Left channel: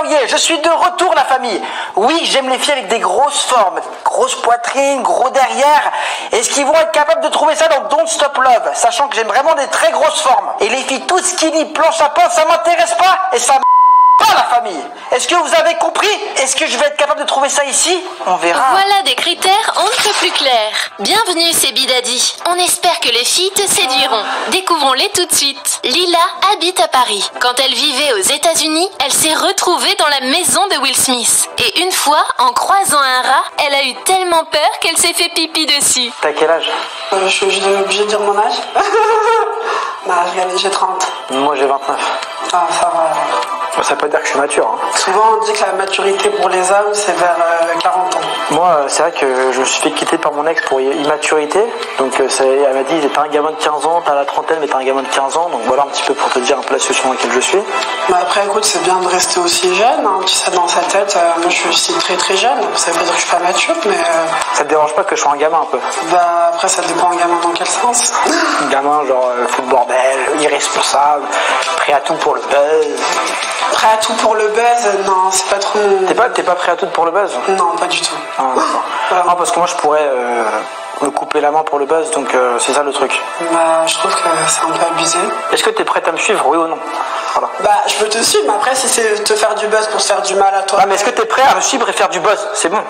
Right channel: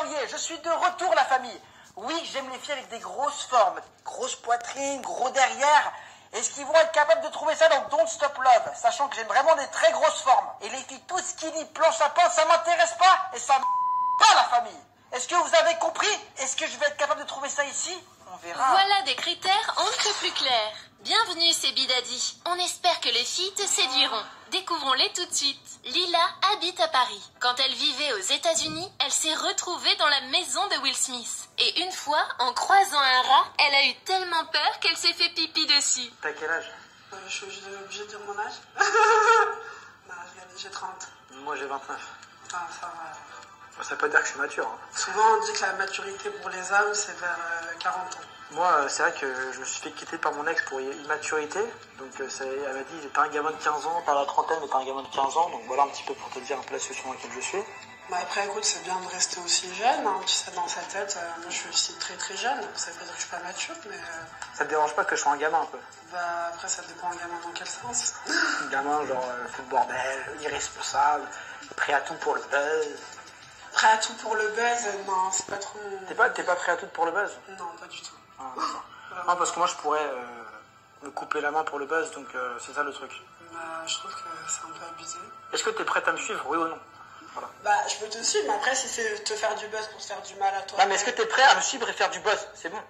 Aouye, je suis de retour la famille. Oui, j'aime les filles avec des grosses formes, grosse poitrine, gros derrière. Est-ce qu'ils vont être capables de trouver ça dans Don't Stop Love, sachant que j'aime vraiment des très grosses formes. Et les filles toutes skinny, planche à pain, ça m'intéresse pas et ça pas la famille. Est-ce que vous avez compris? Est-ce que je vais être capable de trouver ça ici? On verra. Voilà des critères on ne peut plus clairs. Bienvenue, c'est Bidadi. On espère que les filles te séduiront. Découvrons-les tout de suite. Lila habite à Paris. Quand elle vivait aux États-Unis, elle s'est retrouvée dans la maison de Will Smith. Et une fois, en croisant un rat, elle a eu tellement peur qu'elle s'est fait pipi dessus. T'as quel âge? Je suis obligée de dire mon âge. Bah, j'ai 30. Moi j'ai 29. Ah, ça va. Ça peut dire que je suis mature. Hein. Souvent on dit que la maturité pour les hommes c'est vers 40 ans. Moi c'est vrai que je me suis fait quitter par mon ex pour immaturité. Donc elle m'a dit t'es un gamin de 15 ans, t'as la trentaine mais t'es un gamin de 15 ans. Donc voilà un petit peu pour te dire un peu la situation dans laquelle je suis. Mais après écoute c'est bien de rester aussi jeune. Hein. Tu sais dans sa tête, moi je suis aussi très très jeune. Ça veut pas dire que je suis pas mature mais... Ça te dérange pas que je sois un gamin un peu? Bah après ça dépend un gamin dans quel sens. Un gamin genre fout le bordel, irresponsable, prêt à tout pour le buzz. Prêt à tout pour le buzz, non, c'est pas trop... T'es pas prêt à tout pour le buzz? Non, pas du tout. Ah, voilà. Non, parce que moi je pourrais me couper la main pour le buzz, donc c'est ça le truc. Bah, je trouve que c'est un peu abusé. Est-ce que t'es prête à me suivre, oui ou non? Voilà. Bah, je peux te suivre, mais après, si c'est te faire du buzz pour se faire du mal à toi... Non, mais est-ce que t'es prêt à me suivre et faire du buzz? C'est bon,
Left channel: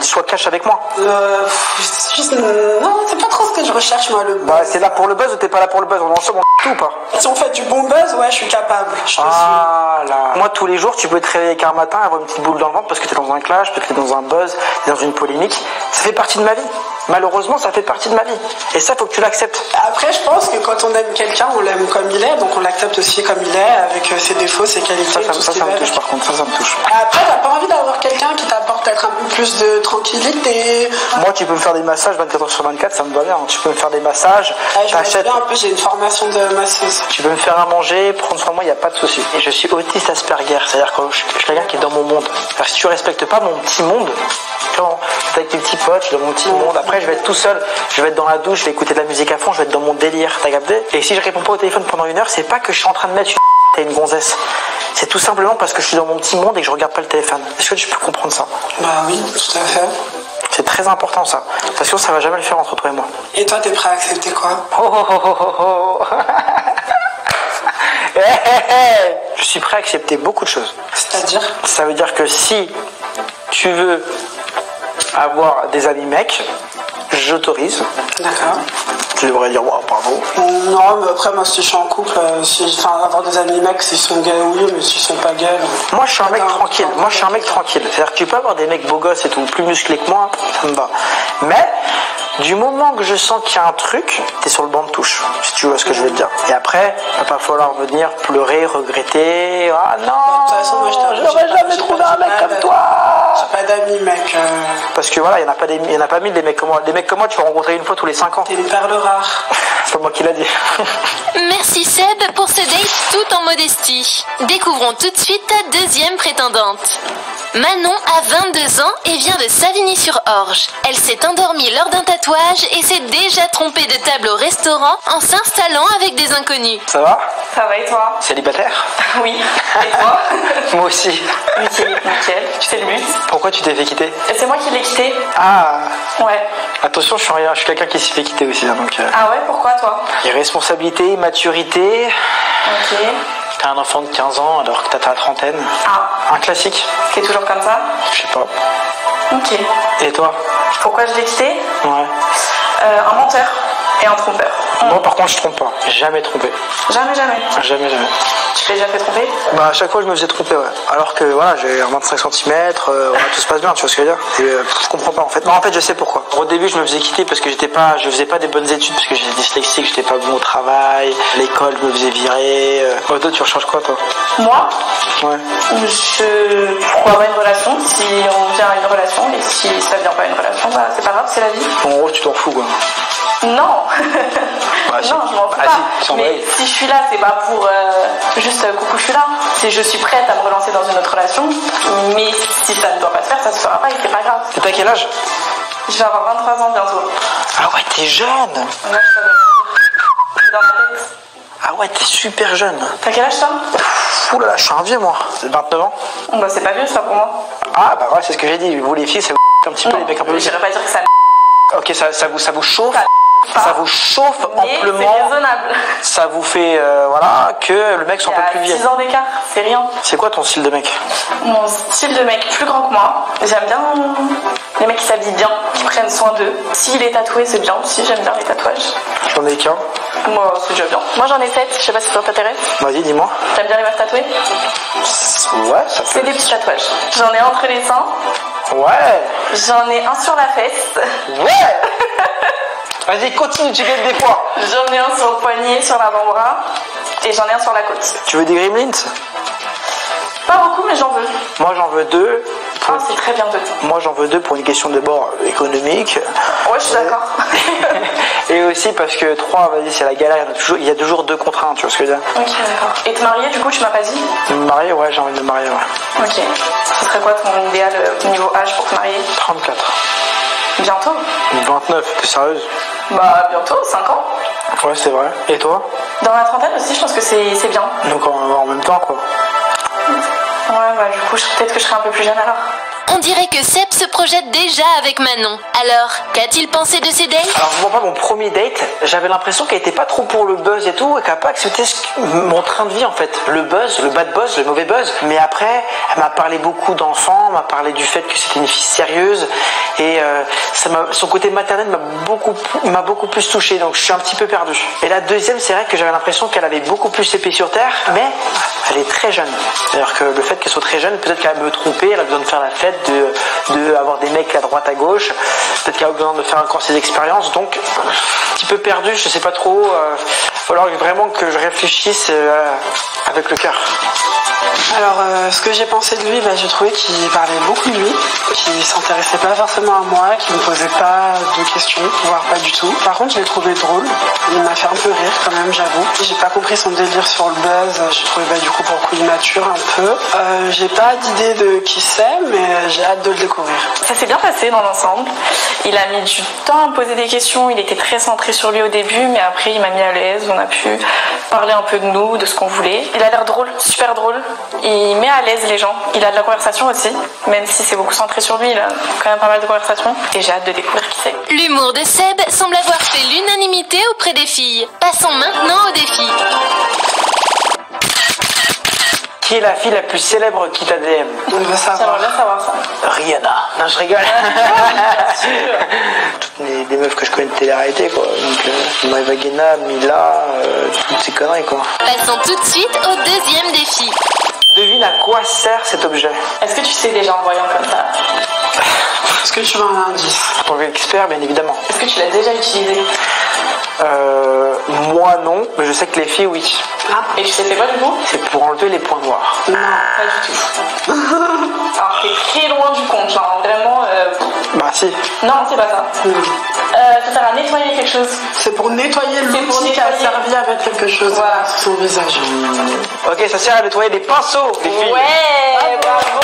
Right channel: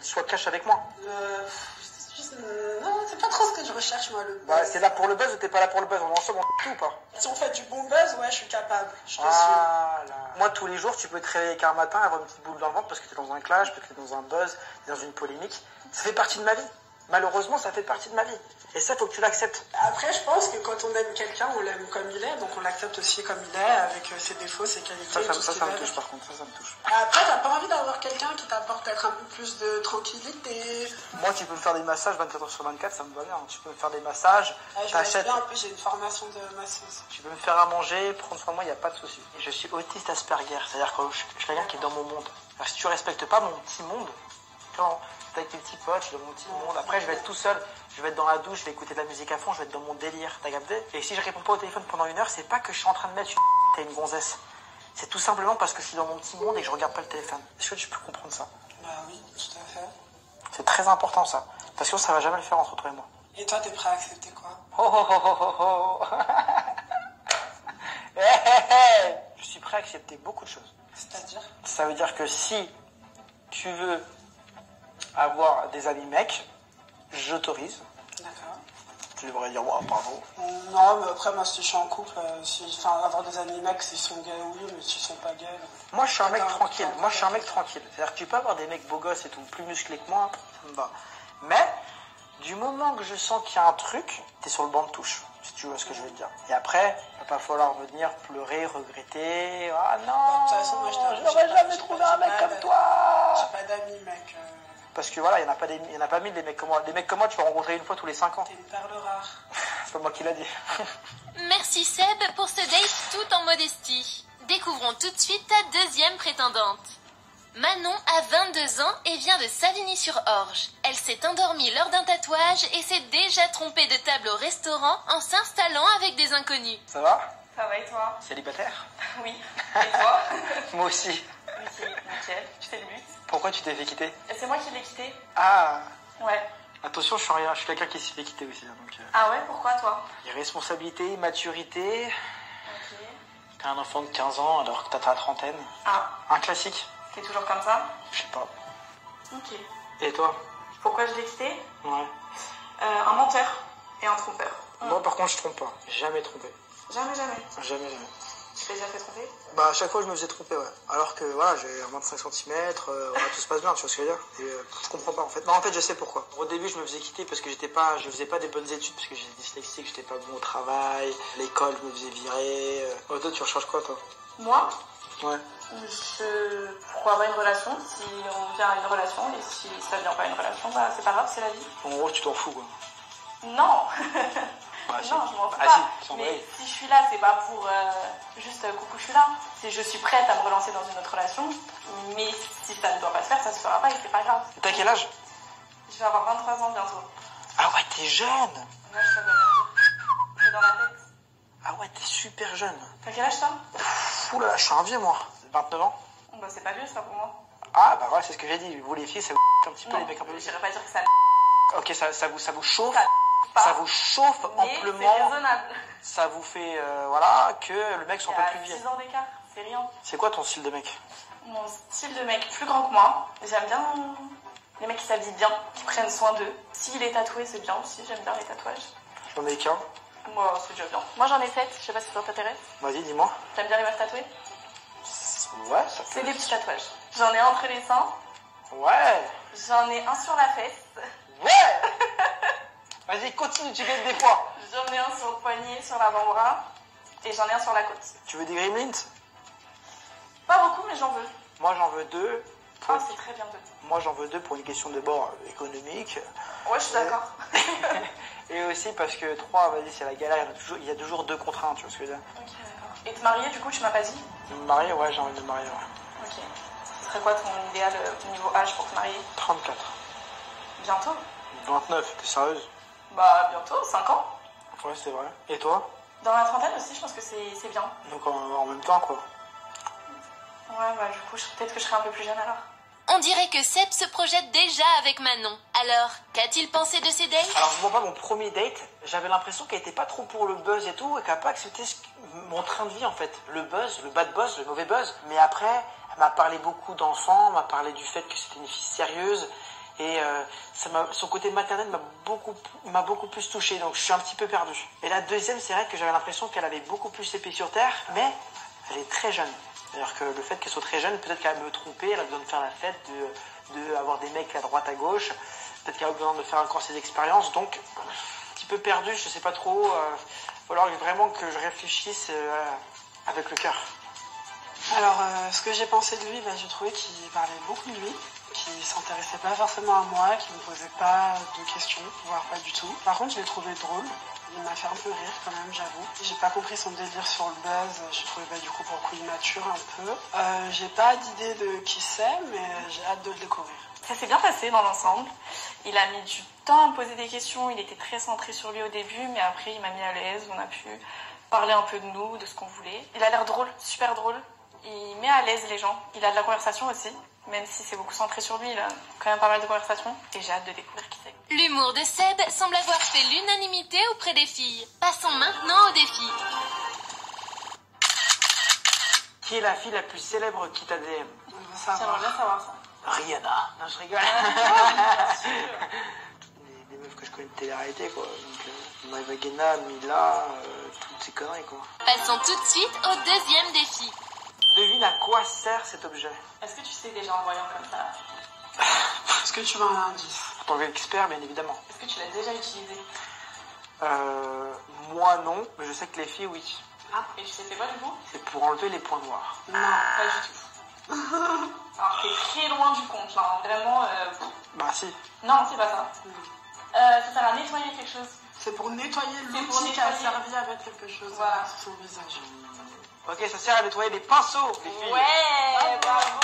sois cash avec moi. Non, c'est pas trop ce que je recherche, moi, le buzz. Bah, c'est là pour le buzz ou t'es pas là pour le buzz? On est ensemble, on tout ou pas? Si on fait du bon buzz, ouais, je suis capable. Je te suis. Là. Moi, tous les jours, tu peux te réveiller qu'un matin, avoir une petite boule dans le ventre parce que t'es dans un clash, parce que t'es dans un buzz, t'es dans une polémique. Ça fait partie de ma vie. Malheureusement, ça fait partie de ma vie. Et ça, faut que tu l'acceptes. Après, je pense que quand on aime quelqu'un, on l'aime comme il est, donc on l'accepte aussi comme il est, avec ses défauts, ses qualités, tout ce qui Ça va me touche, avec. par contre, ça me touche. Après, t'as pas envie d'avoir quelqu'un qui t'apporte peut-être un peu plus de tranquillité. Moi, tu peux me faire des massages 24h/24, ça me va bien. Tu peux me faire des massages, Je bien, en plus, j'ai une formation de masseuse. Tu peux me faire à manger, prendre soin de moi, il n'y a pas de souci. Et je suis autiste Asperger, c'est-à-dire que je suis quelqu'un qui est dans mon monde. Alors, si tu respectes pas mon petit monde, quand t'es avec tes petits potes, je suis dans mon petit monde, après je vais être tout seul, je vais être dans la douche, je vais écouter de la musique à fond, je vais être dans mon délire, t'as capté? Et si je réponds pas au téléphone pendant 1 heure, c'est pas que je suis en train de mettre une gonzesse. C'est tout simplement parce que je suis dans mon petit monde et que je regarde pas le téléphone. Est-ce que tu peux comprendre ça? Bah oui, tout à fait. C'est très important ça. Parce que ça va jamais le faire entre toi et moi. Et toi, t'es prêt à accepter quoi? Je suis prêt à accepter beaucoup de choses. C'est-à-dire? Ça veut dire que si tu veux avoir des amis mecs, j'autorise. D'accord. Tu devrais dire, wow, bravo. Non, mais après, moi, si je suis en couple, avoir des amis mecs, s'ils sont gays, oui, mais s'ils sont pas gays... Moi, je suis un mec tranquille. C'est-à-dire que tu peux avoir des mecs beaux gosses et tout, plus musclés que moi, ça me va. Mais, du moment que je sens qu'il y a un truc, t'es sur le banc de touche, si tu vois ce que je veux te dire. Et après, il va pas falloir venir pleurer, regretter. Ah non, de toute façon, moi, j'aurais jamais trouvé un mec comme toi. J'ai pas d'amis, mec. Parce que voilà, il n'y en a pas mille des mecs comme moi. Des mecs comme moi, tu vas rencontrer une fois tous les 5 ans. T'es une perle rare. C'est pas moi qui l'a dit. Merci Seb pour ce date tout en modestie. Découvrons tout de suite ta deuxième prétendante. Manon a 22 ans et vient de Savigny-sur-Orge. Elle s'est endormie lors d'un tatouage et s'est déjà trompée de table au restaurant en s'installant avec des inconnus. Ça va? Ça va et toi? Célibataire? Oui. Et toi? Moi aussi. Nickel. Tu fais le but. Pourquoi tu t'es fait quitter? C'est moi qui l'ai quitté. Ah. Ouais. Attention, je suis quelqu'un qui s'est fait quitter aussi. Donc, Ah ouais, pourquoi toi? irresponsabilité, maturité. Ok. T'as un enfant de 15 ans alors que t'as la trentaine. Ah. Un classique. T'es toujours comme ça? Je sais pas. Ok. Et toi? Pourquoi je l'ai quitté? Ouais. Un menteur et un trompeur. Moi par contre je trompe pas. Jamais trompé. Jamais. Jamais. Tu t'es déjà fait tromper? Bah à chaque fois je me faisais tromper, ouais. Alors que voilà, j'ai un 25 cm, voilà, tout se passe bien, tu vois ce que je veux dire. Et, je comprends pas en fait. Non, en fait je sais pourquoi. Au début je me faisais quitter parce que je faisais pas des bonnes études, parce que j'étais dyslexique, j'étais pas bon au travail, l'école me faisait virer. Toi tu recherches quoi toi? Moi? Ouais. Pourquoi avoir une relation? Si on vient à une relation et si ça vient pas à une relation, bah c'est pas grave, c'est la vie. En gros tu t'en fous quoi. Non. Bah, si. Non, je m'en fous Ah, pas. si, Mais si je suis là, c'est pas pour juste coucou, je suis là. C'est je suis prête à me relancer dans une autre relation. Mais si ça ne doit pas se faire, ça se fera pas et c'est pas grave. T'as quel âge? Je vais avoir 23 ans bientôt. Ah ouais, t'es jeune. Moi, je savais. C'est dans ma tête. Ah ouais, t'es super jeune. T'as quel âge toi? Ouh là là, je suis un vieux moi. 29 ans. Bah, c'est pas vieux ça pour moi. Ah bah ouais, c'est ce que j'ai dit. Vous les filles, ça vous un petit peu les mecs un peu plus. J'irais pas dire que ça. Ok, ça vous chauffe. Ça vous chauffe mais amplement. C'est raisonnable. Ça vous fait voilà que le mec soit un peu plus vieux. 6 ans d'écart, c'est rien. C'est quoi ton style de mec? Mon style de mec plus grand que moi. J'aime bien les mecs qui s'habillent bien, qui prennent soin d'eux. S'il est tatoué, c'est bien aussi. J'aime bien les tatouages. J'en ai qu'un. Moi, c'est déjà bien. Moi, j'en ai 7. Je sais pas si ça t'intéresse. Vas-y, dis-moi. T'aimes bien les meufs tatouées? Ouais, ça peut. C'est des petits tatouages. J'en ai entre les seins. Ouais. J'en ai un sur la fesse. Ouais. Vas-y, continue, tu gagnes des points. J'en ai un sur le poignet, sur l'avant-bras. Et j'en ai un sur la côte. Tu veux des gremlins? Pas beaucoup, mais j'en veux. Moi, j'en veux 2. Ah, c'est très bien deux. Moi, j'en veux 2 pour une question de bord économique. Ouais, je suis d'accord. Et aussi parce que 3, vas-y, c'est la galère. Il y a toujours 2 contre 1, tu vois ce que je veux dire? Ok, d'accord. Et te marier, du coup, tu m'as pas dit? Me marier, ouais, j'ai envie de me marier, ouais. Ok. Ce serait quoi ton idéal niveau âge pour te marier? 34. Bientôt? 29, t'es sérieuse? Bah, bientôt, 5 ans. Ouais, c'est vrai. Et toi? Dans la trentaine aussi, je pense que c'est bien. Donc en même temps, quoi. Ouais, bah, du coup, peut-être que je serai un peu plus jeune alors. On dirait que Seb se projette déjà avec Manon. Alors, qu'a-t-il pensé de ses dates? Alors, je vois pas mon premier date, j'avais l'impression qu'elle était pas trop pour le buzz et tout, et qu'elle a pas accepté mon train de vie en fait. Le buzz, le bad buzz, le mauvais buzz. Mais après, elle m'a parlé beaucoup d'enfants, m'a parlé du fait que c'était une fille sérieuse, et son côté maternel m'a beaucoup plus touché, donc je suis un petit peu perdu. Et la deuxième, c'est vrai que j'avais l'impression qu'elle avait beaucoup plus ses pieds sur terre, mais elle est très jeune. C'est-à-dire que le fait qu'elle soit très jeune, peut-être qu'elle me tromper, elle a besoin de faire la fête, de avoir des mecs à droite à gauche, peut-être qu'elle a besoin de faire encore ses expériences, donc un petit peu perdu, je sais pas trop, il va falloir vraiment que je réfléchisse avec le cœur. Alors, ce que j'ai pensé de lui, j'ai trouvé qu'il parlait beaucoup de lui, qu'il s'intéressait pas forcément à moi, qu'il me posait pas de questions, voire pas du tout. Par contre, je l'ai trouvé drôle. Il m'a fait un peu rire quand même, j'avoue. J'ai pas compris son délire sur le buzz. J'ai trouvé du coup pour le coup immature un peu. J'ai pas d'idée de qui c'est, mais j'ai hâte de le découvrir. Ça s'est bien passé dans l'ensemble. Il a mis du temps à me poser des questions. Il était très centré sur lui au début, mais après il m'a mis à l'aise. On a pu parler un peu de nous, de ce qu'on voulait. Il a l'air drôle, super drôle. Il met à l'aise les gens. Il a de la conversation aussi, même si c'est beaucoup centré sur lui. Il a quand même pas mal de conversations. Et j'ai hâte de découvrir qui c'est. L'humour de Seb semble avoir fait l'unanimité auprès des filles. Passons maintenant au défi. Qui est la fille la plus célèbre qui t'a DM? On veut savoir. J'aimerais bien savoir ça. Rihanna. Non, je rigole. Bien sûr. Toutes des meufs que je connais de télé-réalité, quoi. Donc, Maëva Guéna, Mila, toutes ces conneries, quoi. Passons tout de suite au deuxième défi. Devine à quoi sert cet objet. Est-ce que tu sais déjà en voyant comme ça? Est-ce que tu veux un indice? En tant qu'expert, bien évidemment. Est-ce que tu l'as déjà utilisé? Moi non, mais je sais que les filles oui. Ah, et tu sais c'est quoi du coup? C'est pour enlever les points noirs. Non. Pas du tout. Alors t'es très loin du compte, genre vraiment... Bah si. Non, c'est pas ça. Ça sert à nettoyer quelque chose. C'est pour nettoyer pour l'outil qui a nettoyer. servi avec quelque chose Voilà. sur son visage. Ok, ça sert à nettoyer des pinceaux, les filles. Ouais, bravo.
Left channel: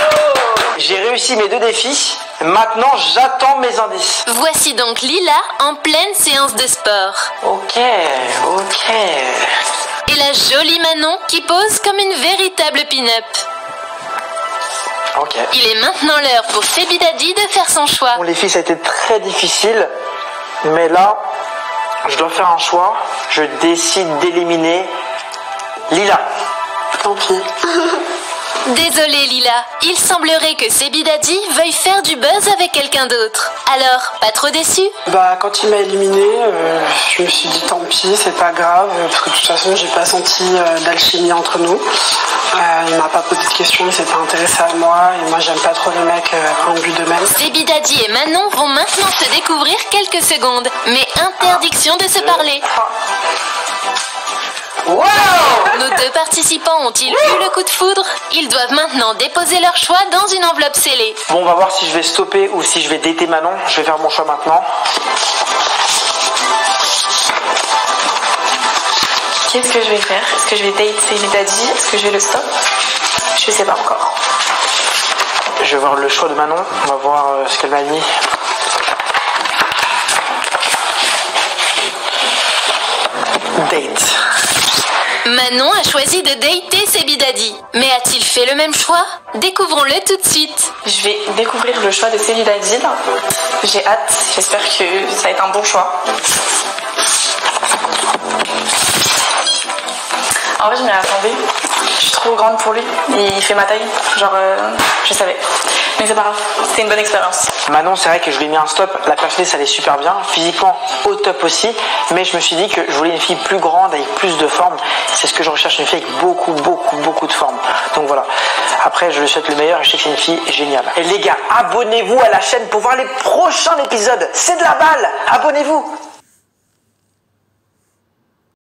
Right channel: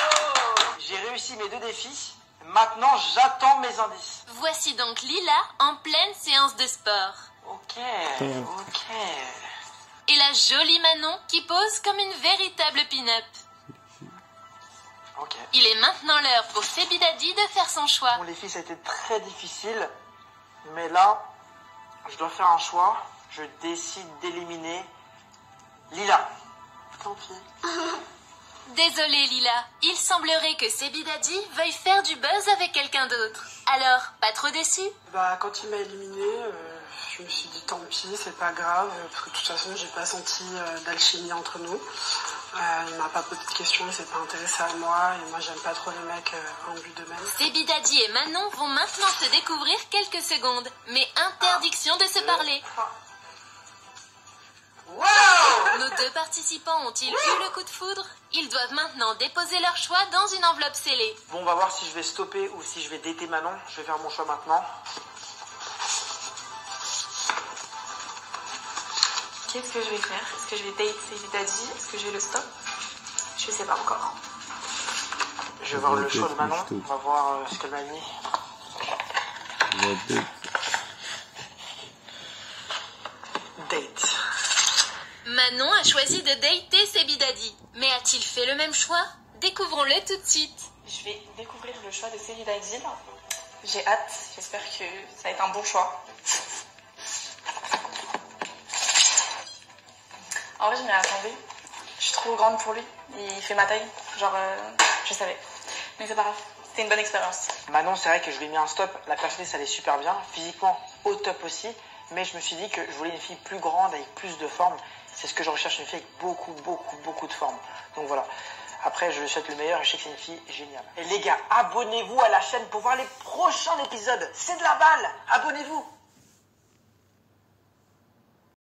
J'ai réussi mes 2 défis. Maintenant, j'attends mes indices. Voici donc Lila en pleine séance de sport. Ok. Et la jolie Manon qui pose comme une véritable pin-up. Ok. Il est maintenant l'heure pour Sebi Dadi de faire son choix. Bon, les filles, ça a été très difficile. Mais là, je dois faire un choix. Je décide d'éliminer Lila. Tant pis. Désolée Lila, il semblerait que Sebi Dadi veuille faire du buzz avec quelqu'un d'autre. Alors, pas trop déçu? Quand il m'a éliminé, je me suis dit tant pis, c'est pas grave, parce que de toute façon, j'ai pas senti d'alchimie entre nous. Il m'a pas posé de questions, il s'est pas intéressé à moi, et moi j'aime pas trop les mecs imbus d'eux-mêmes. Sebi Dadi et Manon vont maintenant se découvrir quelques secondes, mais interdiction de se parler. Wow! Nos 2 participants ont-ils eu le coup de foudre? Ils doivent maintenant déposer leur choix dans une enveloppe scellée. Bon, on va voir si je vais stopper ou si je vais dater Manon. Je vais faire mon choix maintenant. Qu'est-ce que je vais faire? Est-ce que je vais date Sebi Dadi? Est-ce que je vais le stop? Je sais pas encore. Je vais voir le choix de Manon. On va voir ce qu'elle m'a mis. Date. Manon a choisi de dater Sebi Daddy. Mais a-t-il fait le même choix? Découvrons-le tout de suite. Je vais découvrir le choix de Sebi Daddy. J'ai hâte, j'espère que ça va être un bon choix. En vrai, je m'y attendais. Je suis trop grande pour lui. Il fait ma taille. Genre, je savais. Mais c'est pas grave. C'était une bonne expérience. Manon, c'est vrai que je lui ai mis un stop. La personnalité, ça allait super bien. Physiquement, au top aussi. Mais je me suis dit que je voulais une fille plus grande, avec plus de forme. C'est ce que je recherche, une fille avec beaucoup de forme. Donc voilà. Après, je lui souhaite le meilleur et je sais que c'est une fille géniale. Et les gars, abonnez-vous à la chaîne pour voir les prochains épisodes. C'est de la balle. Abonnez-vous.